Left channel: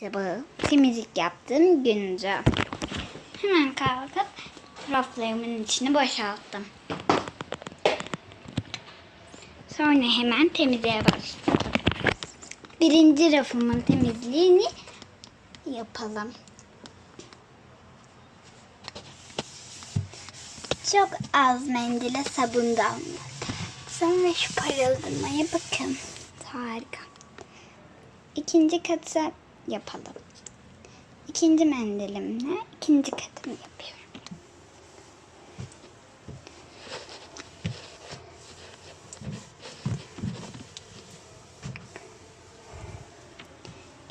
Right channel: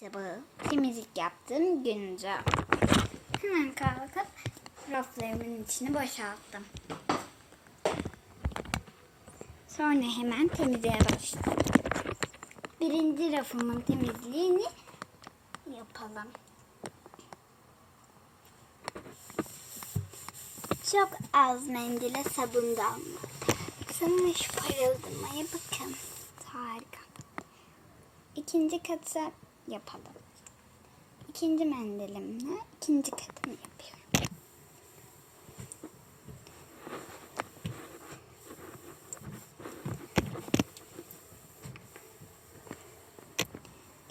sabahı temizlik yaptığım gündü. Hemen kalkıp raflarımın içini boşalttım. Sonra hemen temizliğe başladım. Birinci rafımın temizliğini yapalım. Çok az mendile sabun damladı. Sonra şu parıldamaya bakın. Harika. İkinci katı yapalım. İkinci mendilimle ikinci katını yapıyorum.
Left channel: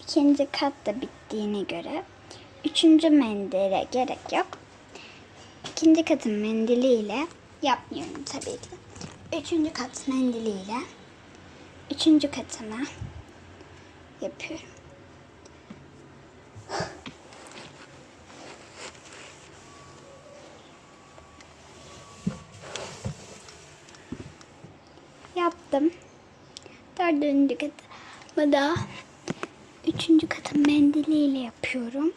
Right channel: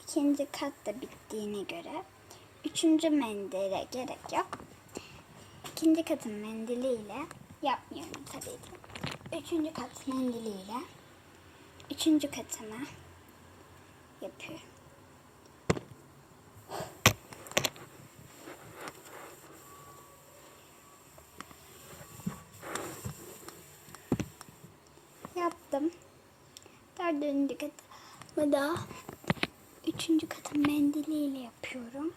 İkinci kat da bittiğine göre üçüncü mendile gerek yok. İkinci katın mendiliyle yapmıyorum tabii ki. Üçüncü kat mendiliyle üçüncü katına yapıyorum. Yaptım. Dördüncü katımı da üçüncü katın mendiliyle yapıyorum.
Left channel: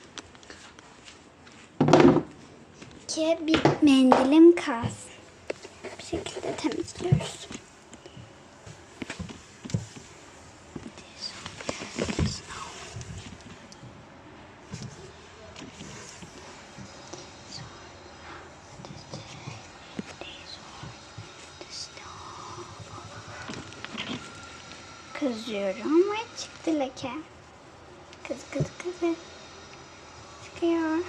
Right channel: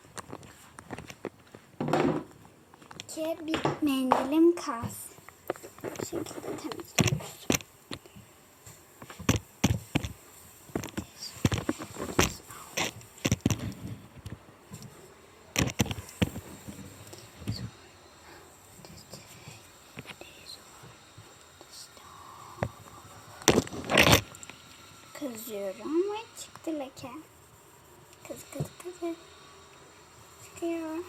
Ki bir mendilim kalsın. Bu şekilde temizliyoruz. Kızıyorum ve çıktı leke. Kız kız kız. Çıkıyor.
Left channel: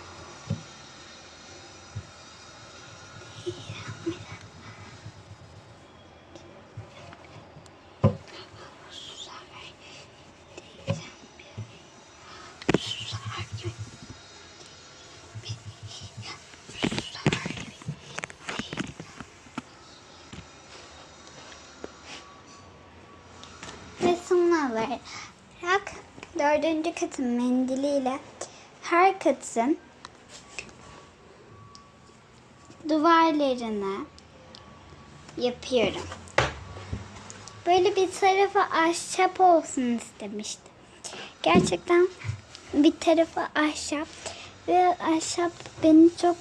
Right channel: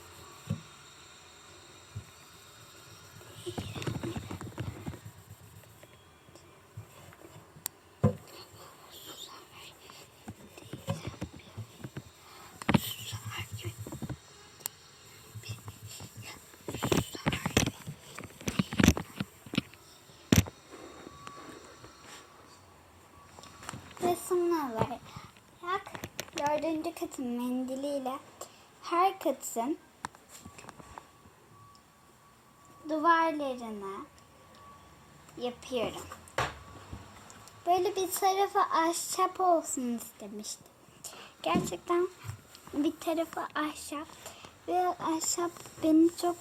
Ve son olarak dördüncü katın mendiliyle her katın duvarlarını yapıyorum. Böyle bir tarafı ahşap olsun istemiştim. Gerçekten bir tarafı ahşap ve ahşap beni çok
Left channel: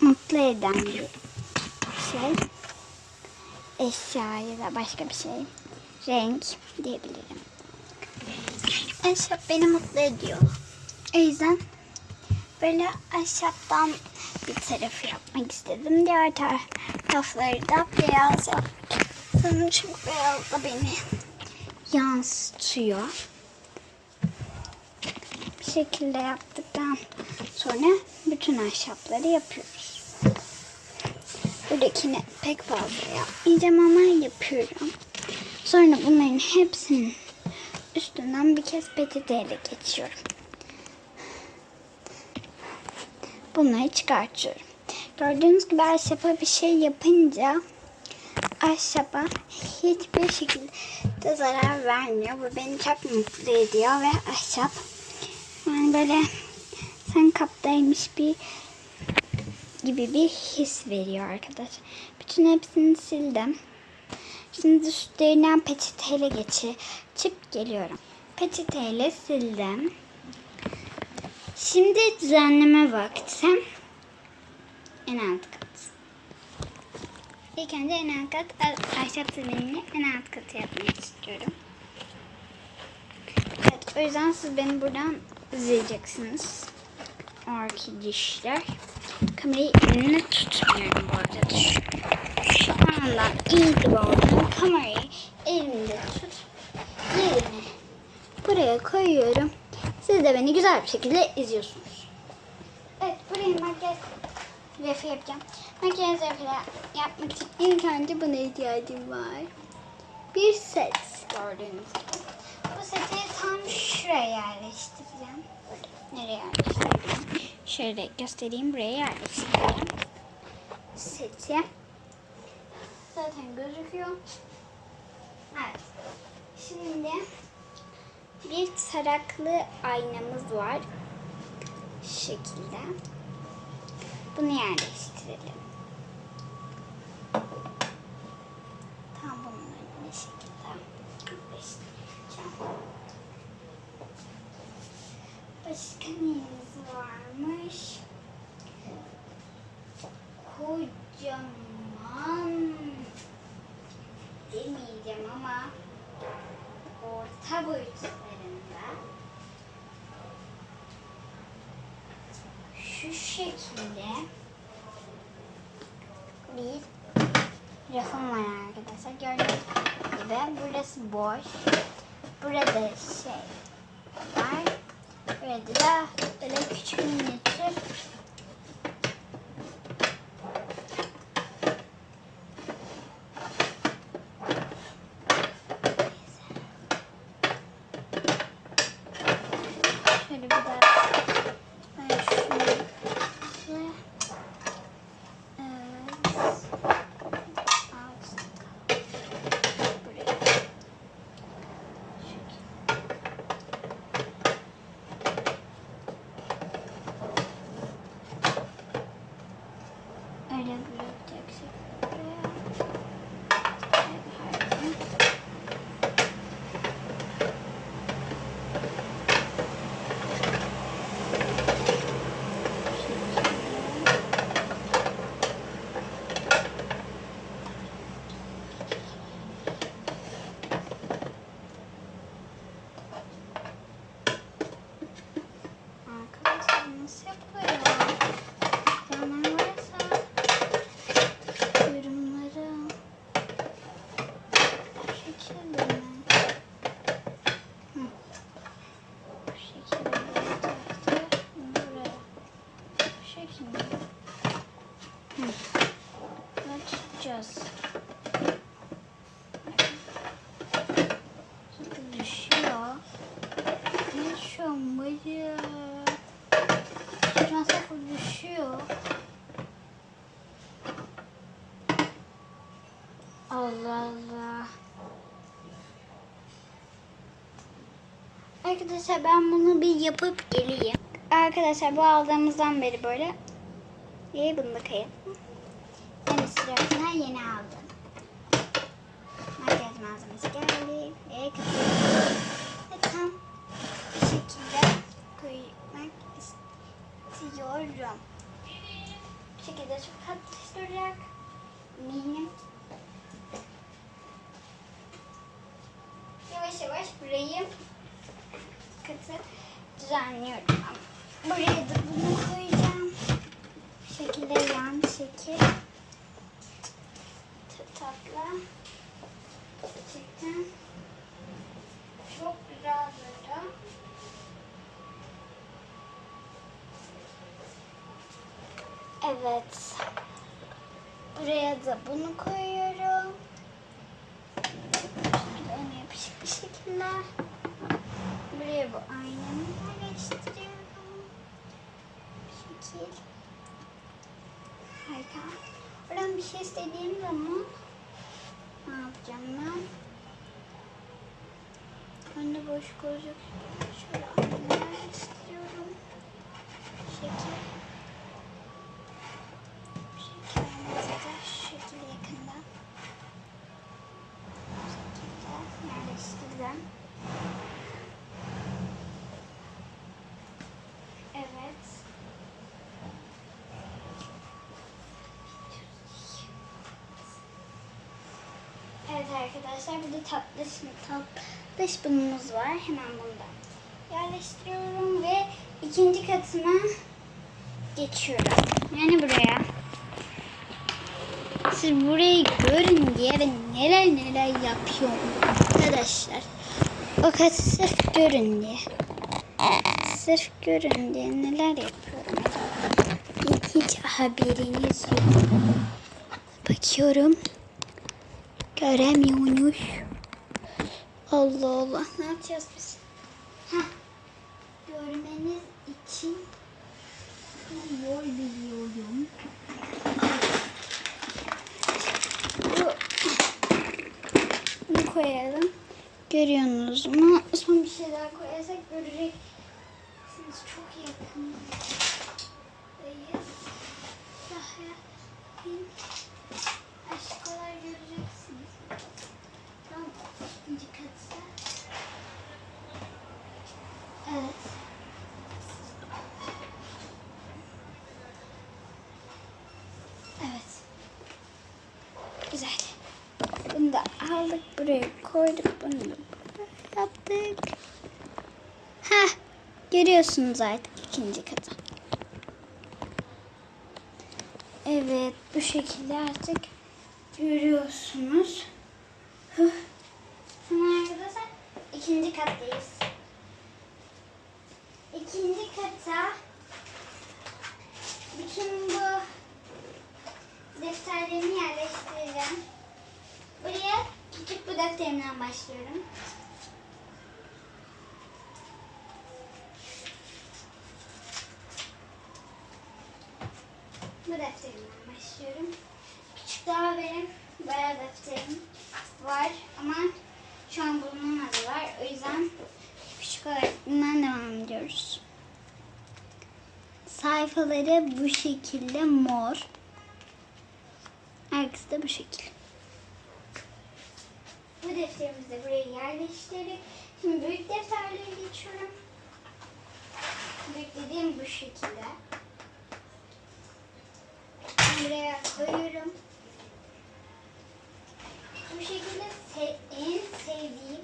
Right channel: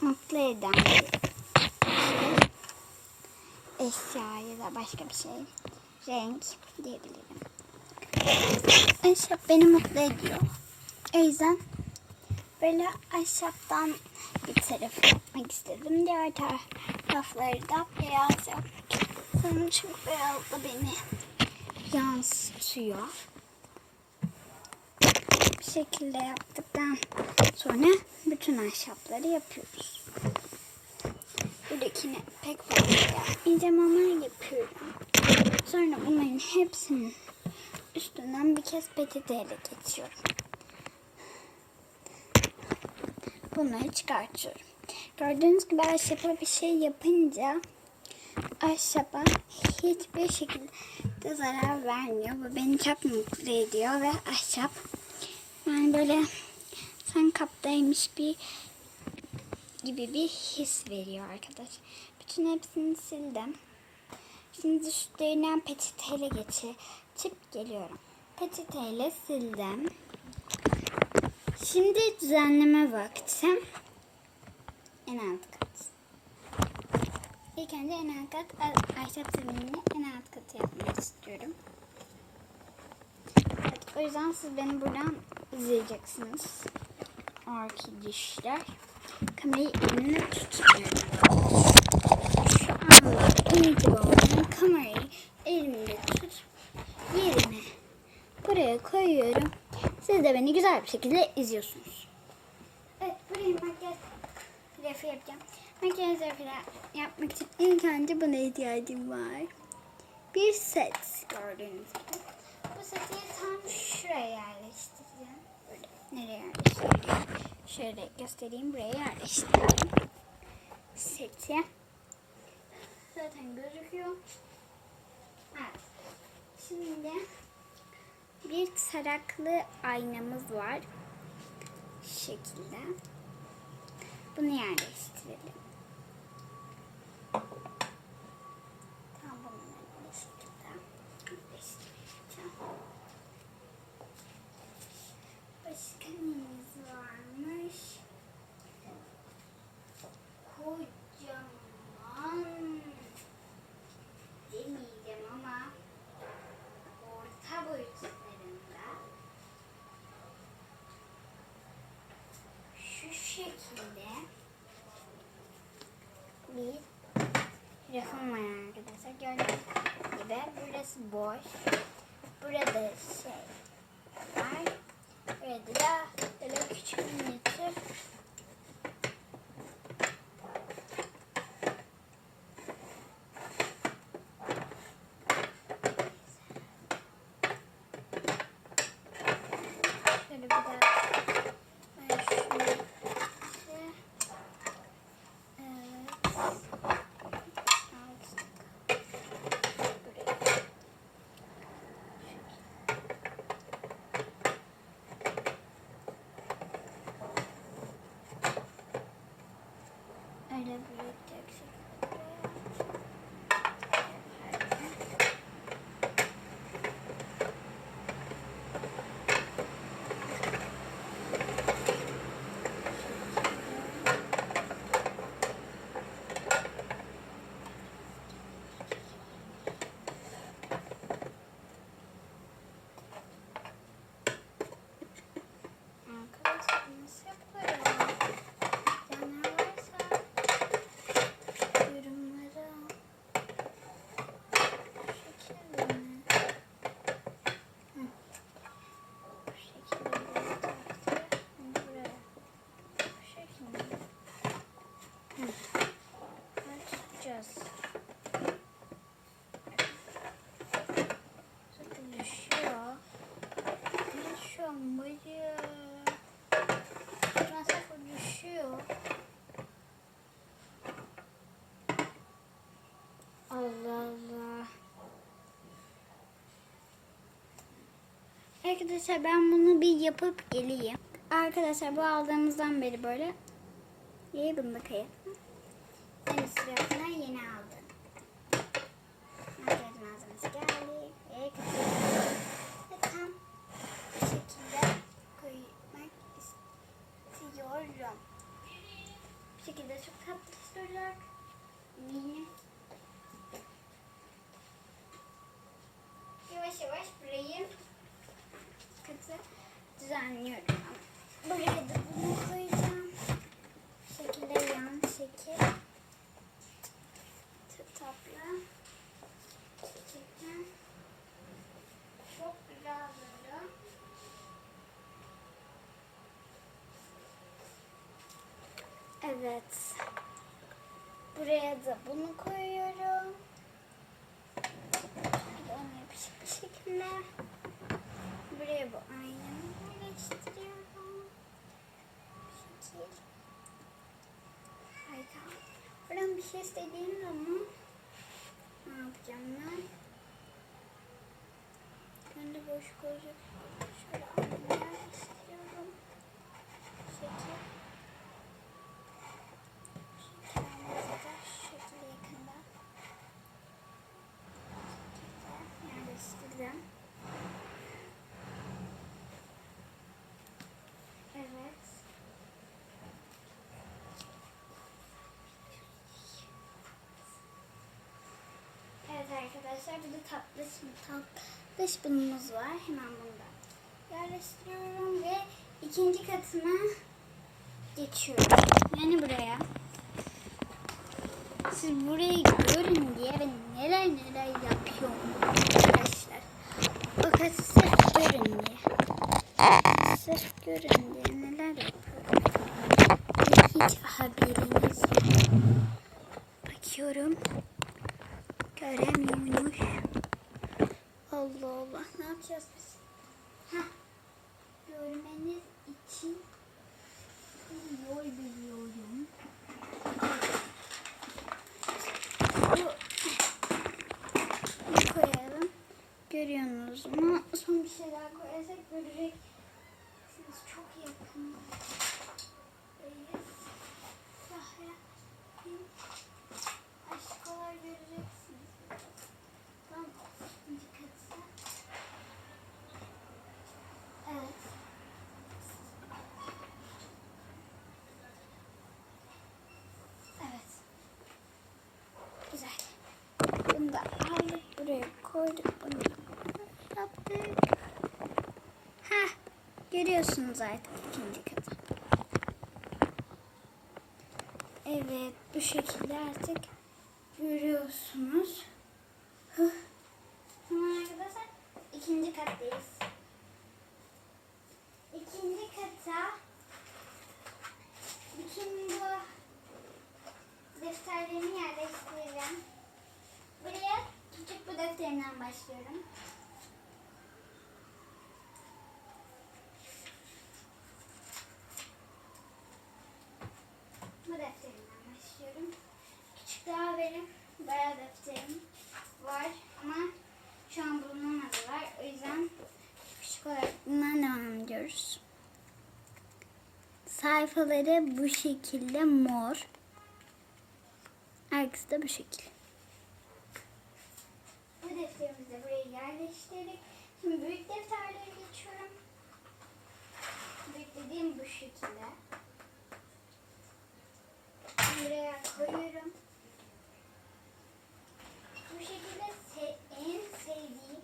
mutlu eden bir şey. Eşya ya da başka bir şey. Renk diyebilirim. Ahşap beni mutlu ediyor. O yüzden böyle ahşaptan bir tarafı yapmak istedim. Diğer tarafları da beyaz yaptım. Çünkü beyaz da beni yansıtıyor. Bir şekilde yaptıktan sonra bütün ahşapları yapıyoruz. Buradakini pek fazla yapmayacağım ama yapıyorum. Sonra bunların hepsinin üstünden bir kez peçeteyle geçiyorum. Bunları çıkartıyorum. Gördüğünüz gibi ahşapa bir şey yapınca ahşaba hiçbir şekilde zarar vermiyor. Bu beni çok mutlu ediyor ve ahşap yani böyle sen kaptaymış bir gibi bir his veriyor arkadaş. Bütün hepsini sildim. Şimdi üstlerinden peçeteyle geçip geliyorum. Peçeteyle sildim. Şimdi düzenleme vakti. En alt kat. İlk önce en alt kat ahşap zeminini en alt katı yapmak istiyorum. Evet, o yüzden siz beni buradan izleyeceksiniz. Arkadaşlar. Kamerayı elimle tutmuyorum bu arada. Şu, şu andan itibaren kamerayı elimde tut. Yerine buraya koyuyorum. Siz de beni güzel bir şekilde izliyorsunuz. Evet buraya makyaj refi yapacağım. Makyaj refi yapmak için ilk önce buna ihtiyacım var. Bir set gördüğünüz gibi. Bu seti tam şuraya yerleştireceğim. Nereye yerleştireceğim? Şöyle göstereyim buraya yerleştireceğim. Seti. Zaten gözüküyor. Evet. Şimdi bir taraklı aynamız var. Şu şekilde. Bunu yerleştirelim. Tam bunları bir şekilde yerleştireceğim. Başka neyimiz varmış? Kocaman demeyeceğim ama orta boyutlarında şu şekilde bir rafım var arkadaşlar. Gördüğünüz gibi burası boş. Burada şey var. Burada da böyle küçük minyatür Şöyle bir daha ben şunu şöyle- Evet. Alsın. Buraya. Öyle bırakacaksın. Buraya. Evet, pardon. Arkadaşlar nasıl yapılıyor? Zaman varsa yorumlara bu şekilde mi? Hı. Bu şekilde yapacaktı. Buraya. Bu şekilde. Hı. Böyle tutacağız. Çünkü düşüyor. Ne şu an böyle? Şu an sıfır düşüyor. Allah. Arkadaşlar ben bunu bir yapıp geleyim. Arkadaşlar bu aldığımızdan beri böyle. İyi bunu da kayıp. Burayı katı düzenliyorum. Buraya da bunu koyacağım. Bu şekilde yan şekil. Tatlı. Gerçekten çok güzel durdu. Evet. Buraya da bunu koyuyorum. Şöyle ön şekilde. Buraya bu aynamı yerleştiriyorum. Şekil. Harika. Buradan bir şey istediğim zaman ne yapacağım ben? Önde boşluk olacak. Şöyle aynamı yerleştiriyorum. Şekil. Şekillerimizi de şu şekilde yakından. Bu şekilde yerleştirdim. Evet. Arkadaşlar burada tatlış tatlış bunumuz var. Hemen bundan yerleştiriyorum ve ikinci katına geçiyorum. Yani buraya. Siz burayı görün diye neler neler yapıyorum arkadaşlar. O kat sırf görün diye. Sırf görün diye neler yapıyorum. Hiç haberiniz yok. Bakıyorum. Göremiyormuş. Allah Allah. Ne yapacağız biz? Heh. Görmeniz için bir yol biliyorum. Bu- Bunu koyalım. Görüyorsunuz mu? Son bir şey daha koyarsak göreceksiniz. Çok yakın. Daha bin aşkolar göreceksiniz. Tam ikinci katta. Evet. Buraya koyduk bunu. Yaptık. Ha, görüyorsunuz artık ikinci katı. Evet, bu şekilde artık görüyorsunuz. Hemen arkadaşlar ikinci kattayız. İkinci kata bütün bu defterlerimi yerleştireceğim. Buraya küçük bu başlıyorum. Bu defterimden başlıyorum. Küçük daha benim bayağı defterim var ama şu an bulunamadılar. O yüzden küçük olarak bundan devam ediyoruz. Sayfaları bu şekilde mor. Arkası da bu şekil. Bu defterimizi de buraya yerleştirdik. Şimdi büyük defterlere geçiyorum. Büyük dediğim bu şekilde. Buraya koyuyorum. Bu şekilde en sevdiğim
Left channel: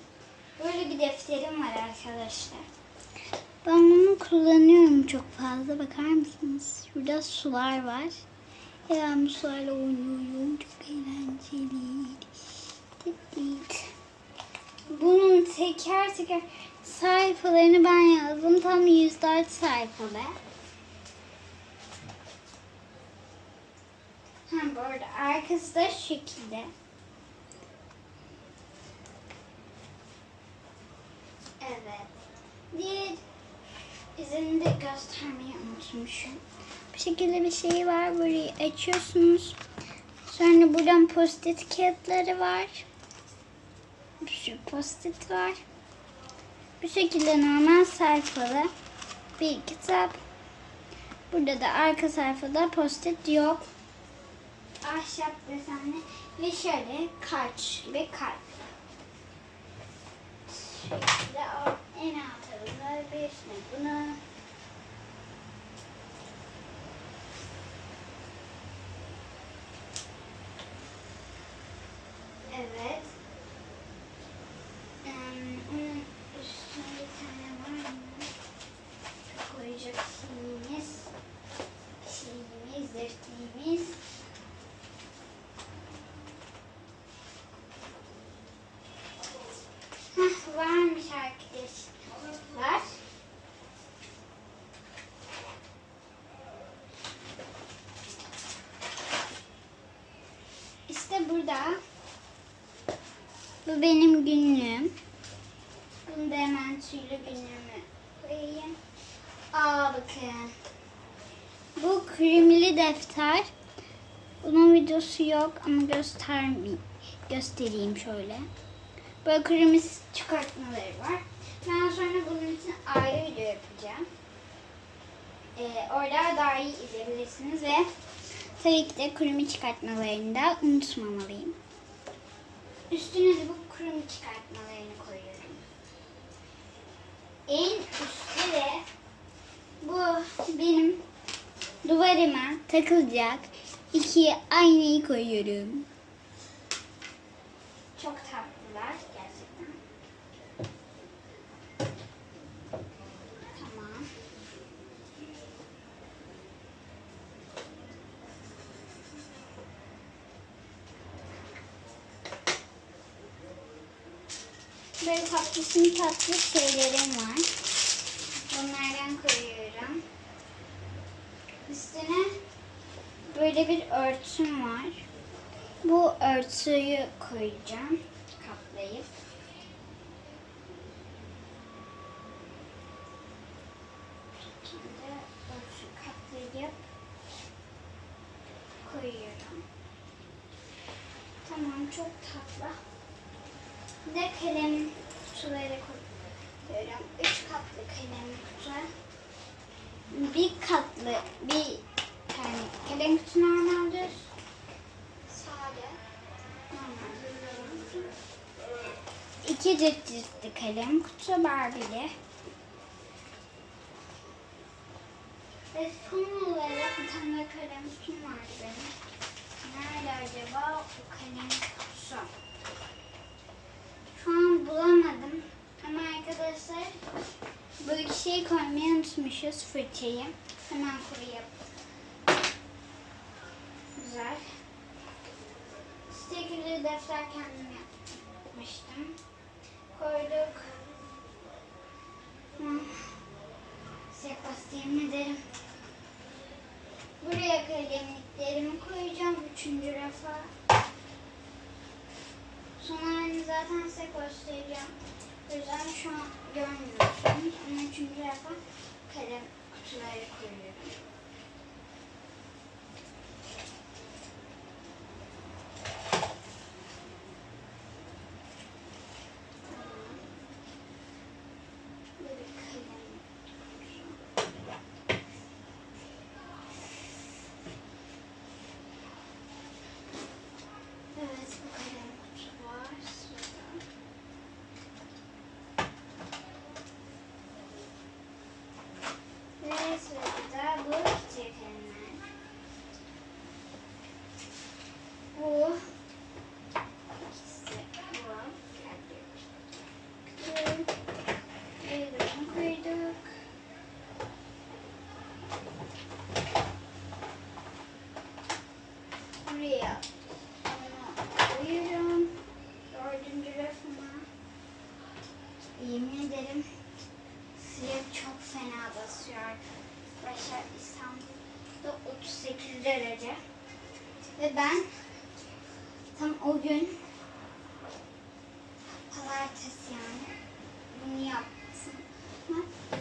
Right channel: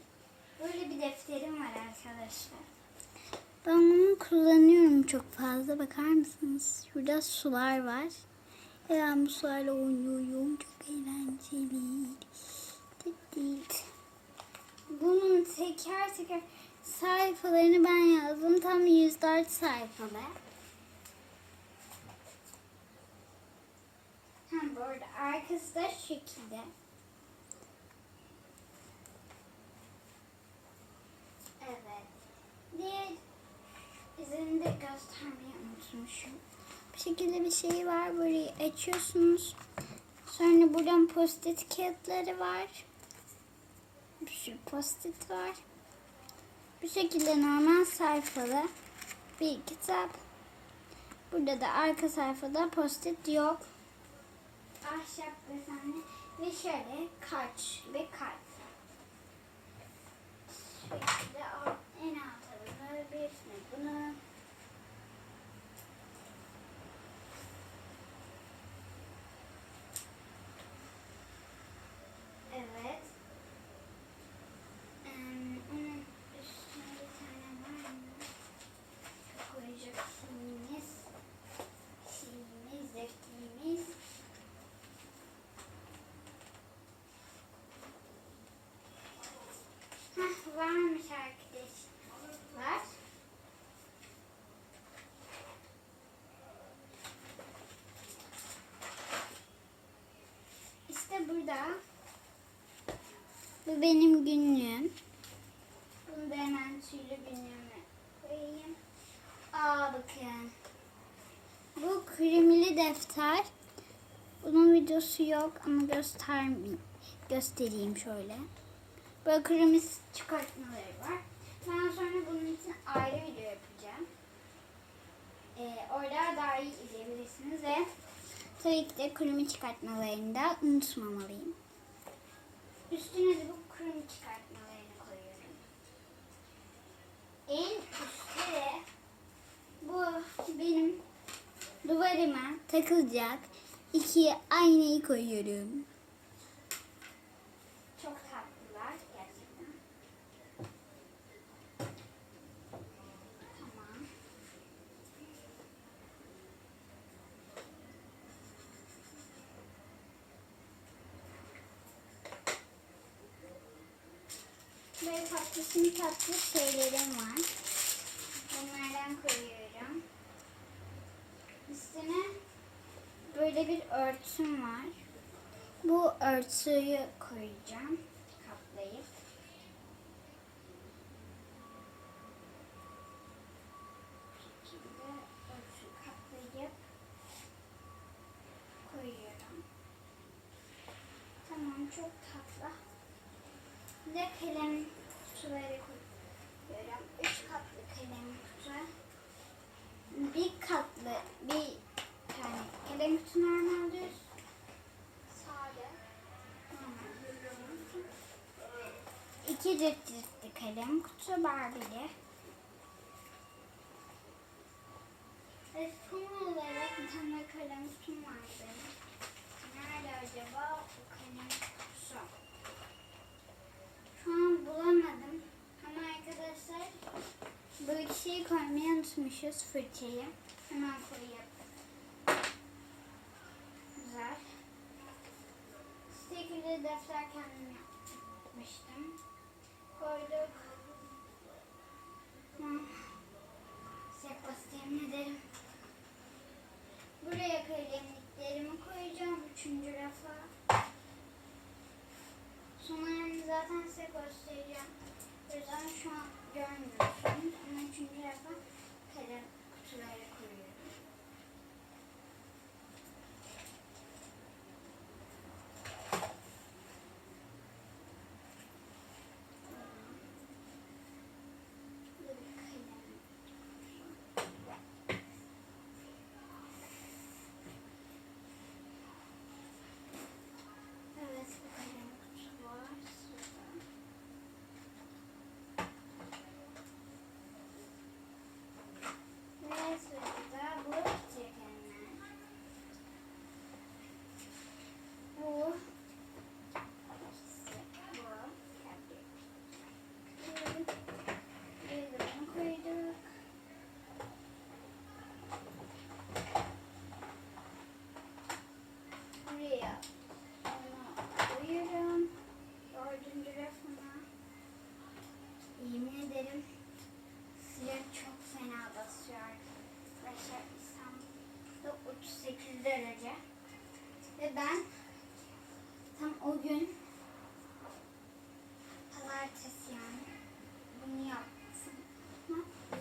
böyle bir defterim var arkadaşlar. Ben bunu kullanıyorum çok fazla. Bakar mısınız? Şurada sular var. Ve ben bu sularla oynuyorum. Çok eğlenceli. Bunun teker teker sayfalarını ben yazdım. Tam 104 sayfalı. Hem bu arada arkası da şekilde. Evet. Diğer izini de göstermeyi unutmuşum. Bu şekilde bir şey var. Burayı açıyorsunuz. Sonra buradan post-it kağıtları var. Bir sürü post-it var. Bu şekilde normal sayfalı bir kitap. Burada da arka sayfada post-it yok. Ahşap desenli ve şöyle kaç gibi kalp. Şöyle en altında bir bunu. Evet. Ee, onun üstüne bir tane var mı? Koyacak şeyimiz. Şeyimiz, defterimiz. Hah, varmış arkadaşlar. Burada. Bu benim günlüğüm. Bunu da hemen tüylü günlüğüme koyayım. Aa bakın. Bu kremili defter. Bunun videosu yok ama göstermeyeyim. Göstereyim şöyle. Böyle kremiz çıkartmaları var. Ben sonra bunun için ayrı video yapacağım. Ee, orada daha iyi izleyebilirsiniz ve tabii ki de kremi çıkartmalarını da unutmamalıyım. Üstüne de bu kremi çıkartmalarını koyuyorum. En üstte de bu benim duvarıma takılacak iki aynayı koyuyorum. Çok tatlılar gerçekten. Tamam. Böyle tatlısın tatlı şeylerim var. Bunlardan koyuyorum. Üstüne böyle bir örtüm var. Bu örtüyü koyacağım. Katlayıp. Bu şekilde örtü katlayıp koyuyorum. Tamam çok tatlı. Bir de kalem kutuları koyuyorum. Üç katlı kalem kutu. Bir katlı bir tane kalem kutu normaldir. Sade. İki cırt cırtlı kalem kutu Barbie'li. Ve son olarak bir tane kalem kutum var benim. Nerede acaba o kalem kutusu? bulamadım. Ama arkadaşlar bu şeyi koymayı unutmuşuz fırçayı. Hemen koyayım. Güzel. Stickerli defter kendim yapmıştım. Koyduk. Sekbas yemin ederim. Buraya kalemliklerimi koyacağım. Üçüncü rafa. Sonlarını zaten size. O yüzden şu an görmüyorsunuz. Ama üçüncü rafa kalem kutuları koyuyorum. Böyle kalem. Evet, bu kalem kutu var. Sırada. Ve sırada bu çiçek kalemler. Bu ikisi bu. Kalp. Bunu koyduk. Buraya onu koyuyorum. Dördüncü rafıma. Yemin ederim sıcak çok fena basıyor arkadaşlar. İstanbul'da 38 derece. Ve ben tam o gün pazartesi yani bunu yaptım.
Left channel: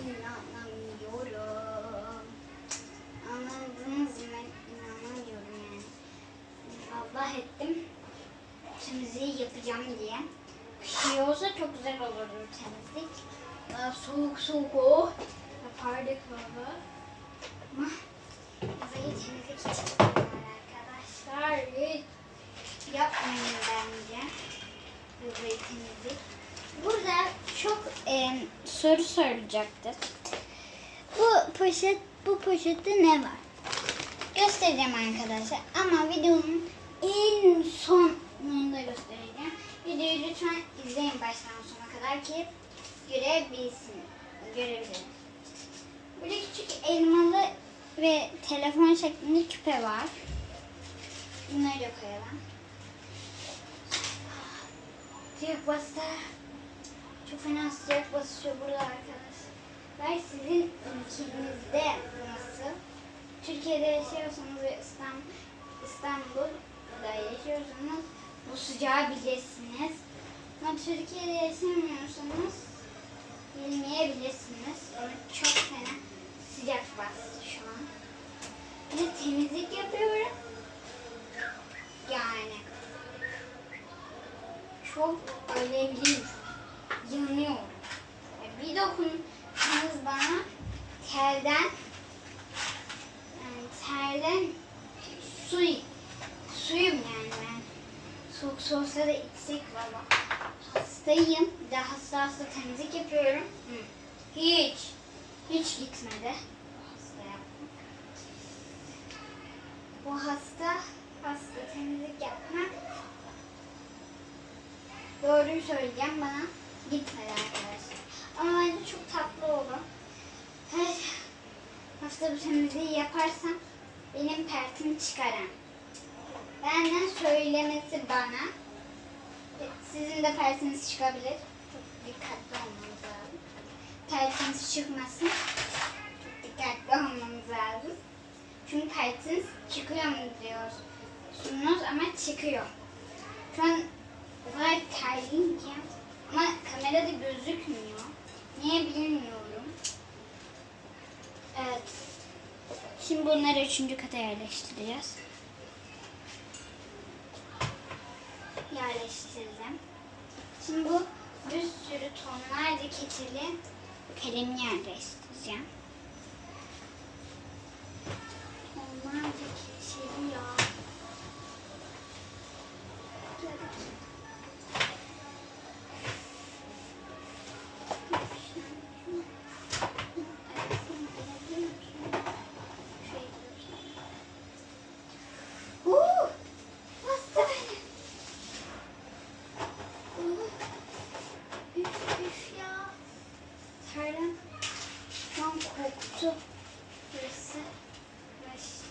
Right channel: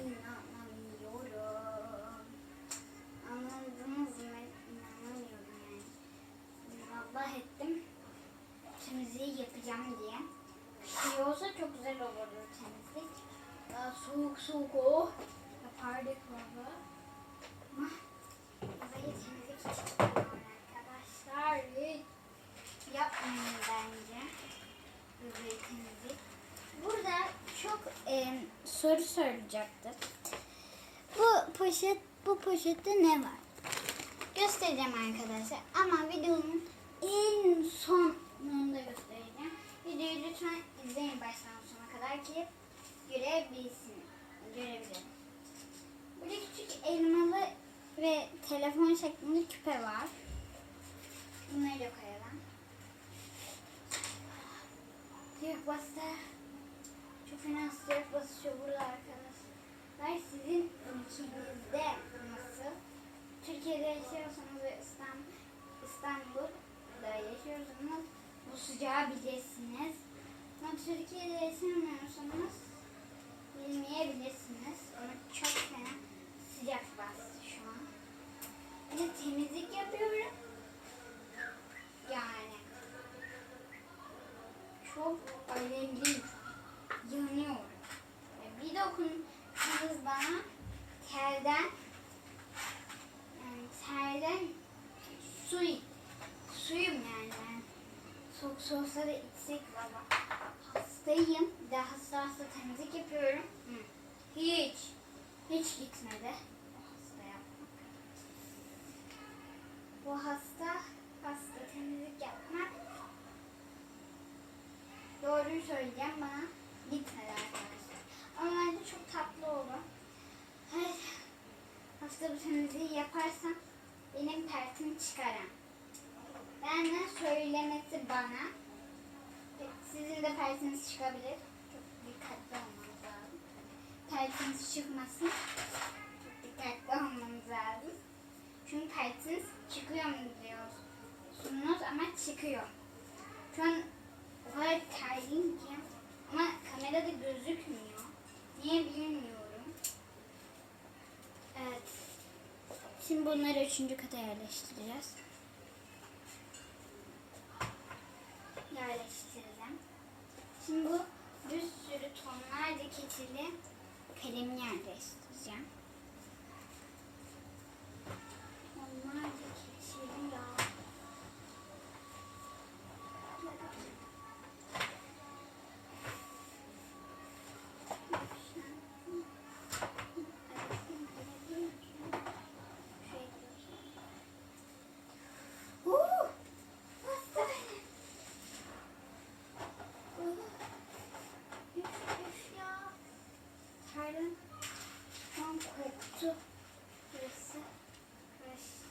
İnanamıyorum. Anladınız mı? İnanamıyorum yani. Allah ettim. Temizliği yapacağım diye. Kışın olsa çok güzel olurdu temizlik. Daha soğuk soğuk o. Yapardık baba. Ama havayı temizlik için yapıyorlar arkadaşlar. Hiç Yapmayın bence. Havayı temizlik. Burada çok e, soru soracaktır. Bu poşet, bu poşette ne var? Göstereceğim arkadaşlar. Ama videonun en sonunda göstereceğim. Videoyu lütfen izleyin baştan sona kadar ki görebilsin. Görebilin. Burada küçük elmalı ve telefon şeklinde küpe var. Bunları da koyalım. Sıcak bastı. Çok fena sıcak basıyor burada arkadaşlar. Sizin ülkenizde nasıl? Türkiye'de yaşıyorsanız ve İstanbul, İstanbul'da yaşıyorsanız bu sıcağı bilirsiniz. Ama Türkiye'de yaşamıyorsanız bilmeyebilirsiniz. Ama çok fena sıcak bastı şu an. Bir de temizlik yapıyorum. Yani çok alevliyim. Yanıyorum. Yani bir dokunsanız bana telden yani terden su suyum yani ben. Soğuk soğuksa da içsek valla. Hastayım. Bir de hasta hasta temizlik yapıyorum. Hı. Hiç. Hiç gitmedi. Hasta yapmak. Bu hasta hasta temizlik yapmak. Doğruyu söyleyeceğim bana gitmedi arkadaşlar. Ama bence çok tatlı oldu. Her hafta bu temizliği yaparsam benim pertimi çıkaran. Benden söylemesi bana. Sizin de pertiniz çıkabilir. Çok dikkatli olmanız lazım. Pertiniz çıkmasın. Çok dikkatli olmanız lazım. Çünkü pertiniz çıkıyor mu diyorsunuz ama çıkıyor. Şu an o kadar terliyim ki. Ama kamerada gözükmüyor. Niye bilmiyorum. Evet. Şimdi bunları üçüncü kata yerleştireceğiz. Yerleştirdim. Şimdi bu bir sürü tonlarca keçeli kalemi yerleştireceğim. Tonlarca keçeli ya. Uh, bastı beni. Uh. kutu. Burası karıştı.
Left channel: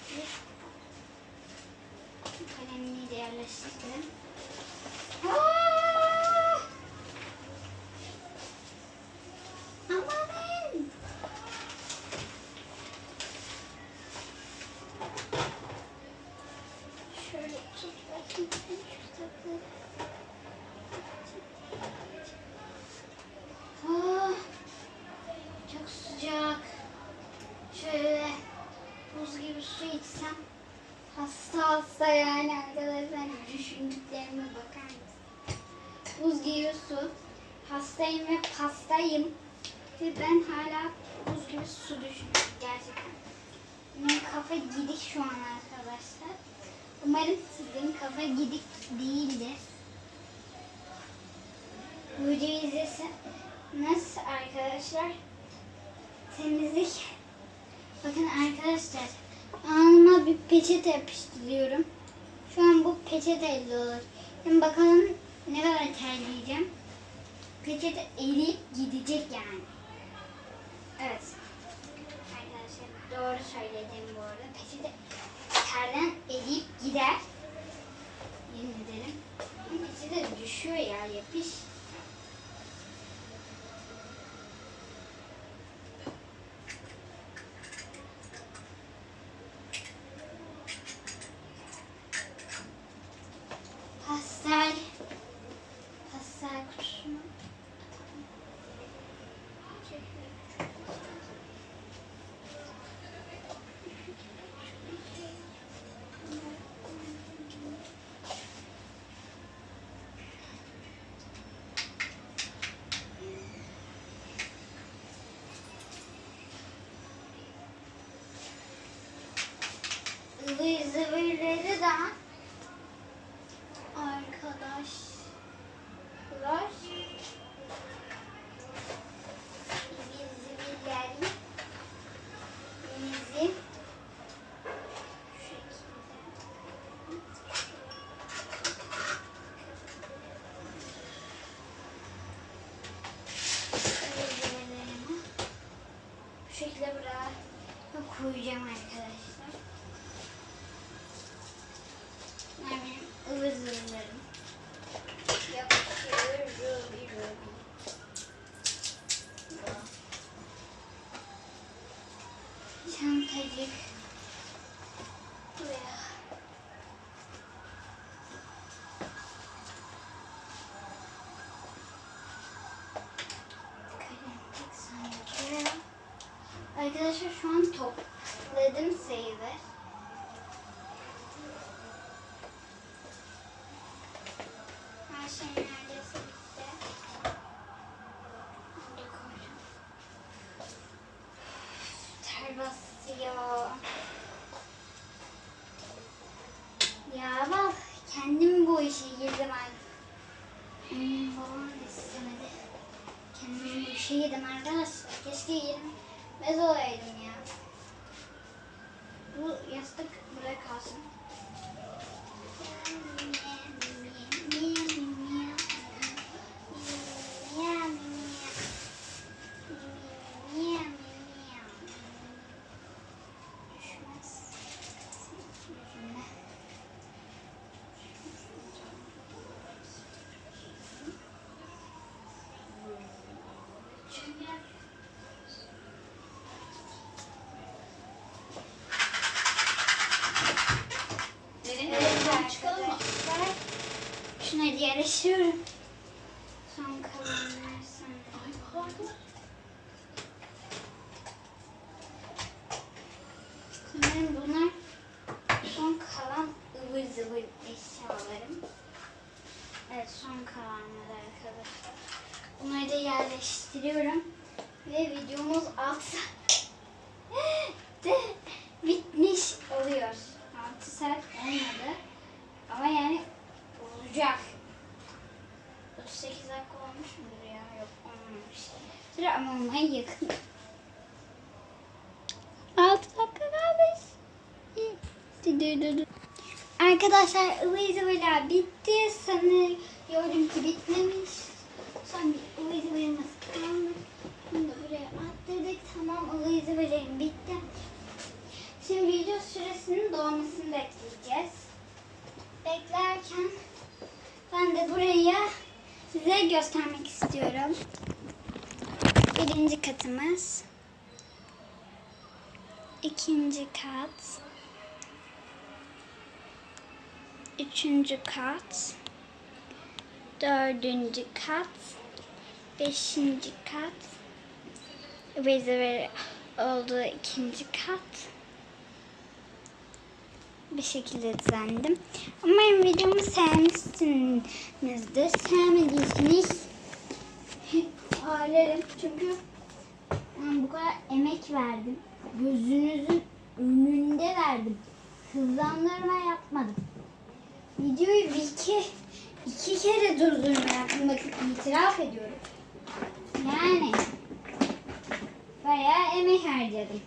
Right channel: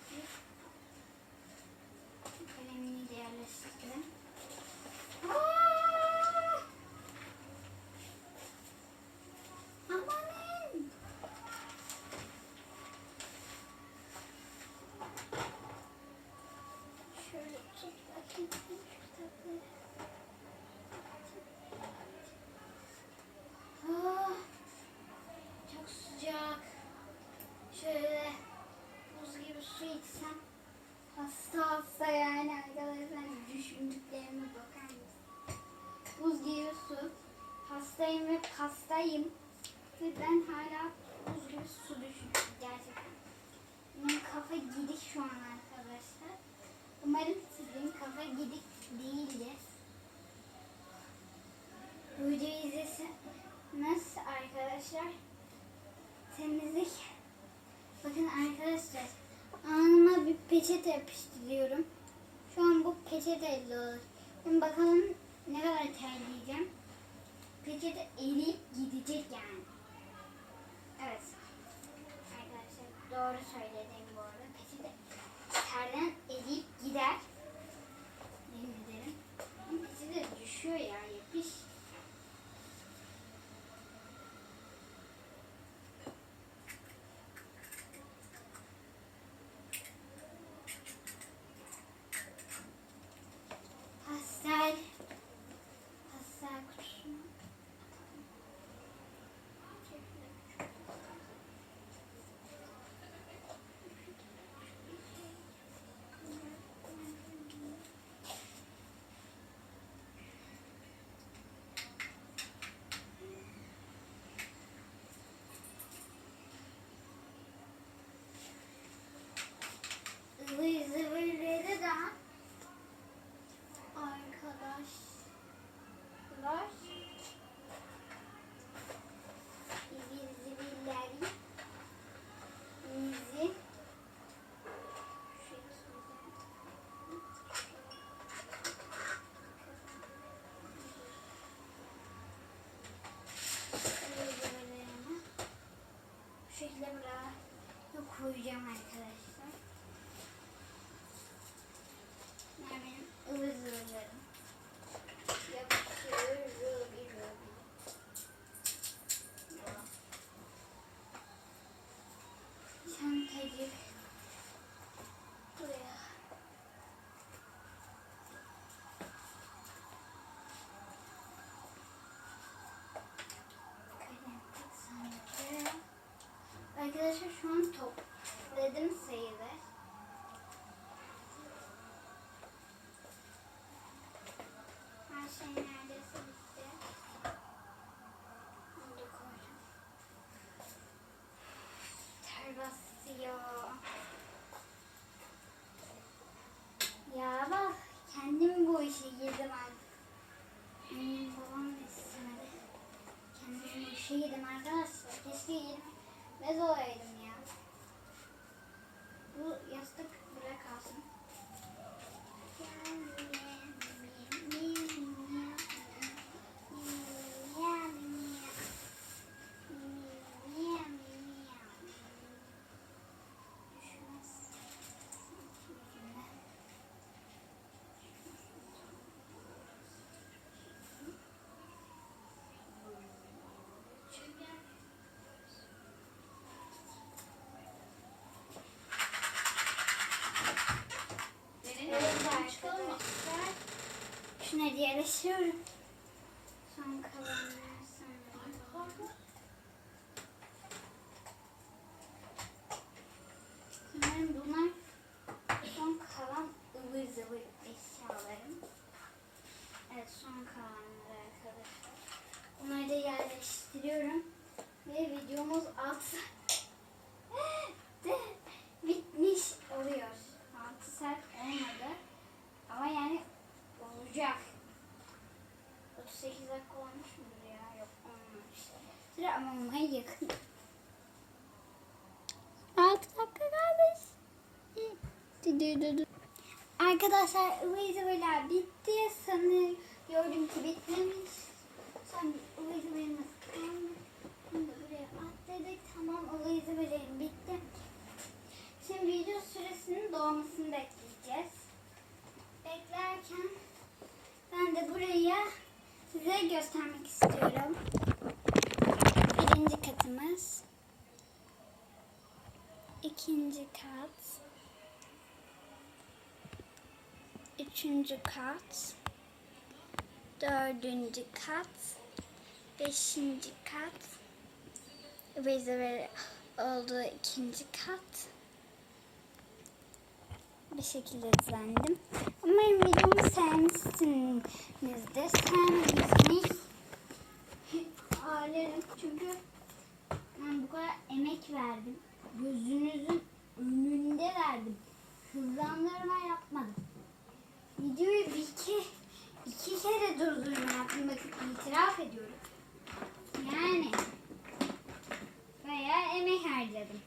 Kalemliği de yerleştirdim. Hastayım ve pastayım. Ve ben hala buz gibi su düşünüyorum gerçekten. Benim kafa gidik şu an arkadaşlar. Umarım sizin kafa gidik değildir. Bu videoyu izleseniz arkadaşlar temizlik. Bakın arkadaşlar alnıma bir peçete yapıştırıyorum. Şu an bu peçeteyle olur. Şimdi bakalım ne kadar terleyeceğim. Peçete eriyip gidecek yani. Evet. Arkadaşlar doğru söyledim bu arada. Peçete terden eriyip gider. Yemin ederim. Peçete düşüyor ya yapış. Zıvırları da arkadaşlar ıvır zıvırları bizi bu şekilde buraya koyacağım arkadaşlar. Bunlar benim ıvır zıvırlarım. Yapıştır, rubi rubi. Çantacık. Buraya. Arkadaşlar şu an topladım sayılır. Arkadaşlar. Keşke girmez olaydım ya. Bu yastık burada kalsın. Derin evden çıkalım mı? Şunları yerleştiriyorum. Son kalanlar pardon. Sanırım bunlar son kalan ıvır zıvır eşyalarım. Evet son kalanlar arkadaşlar. Bunları da yerleştiriyorum. Ve videomuz 6 saatte bitmiş oluyor. 6 saat olmadı. Ama yani olacak. Ama manyak. Altı dakika kalmış. Arkadaşlar Uvizivila bitti. Sanıyorum ki bitmemiş. Son bir Uvizivila'mız kalmış. Bunu buraya atladık. Tamam Uvizivila'm bitti. Şimdi video süresinin doğmasını bekleyeceğiz. Beklerken ben de buraya size göstermek istiyorum. Birinci katımız. ikinci kat. Üçüncü kat. Dördüncü kat. Beşinci kat. Rezerver olduğu ikinci kat. Bir şekilde düzenledim. Umarım videomu sevmişsinizdir. Sevmediyseniz ağlarım. Çünkü ben bu kadar emek verdim. Gözünüzün önünde verdim. Hızlandırma yapmadım. Videoyu bir iki, iki kere durdurma yaptım. Bakın itiraf ediyorum. Yani bayağı emek harcadım.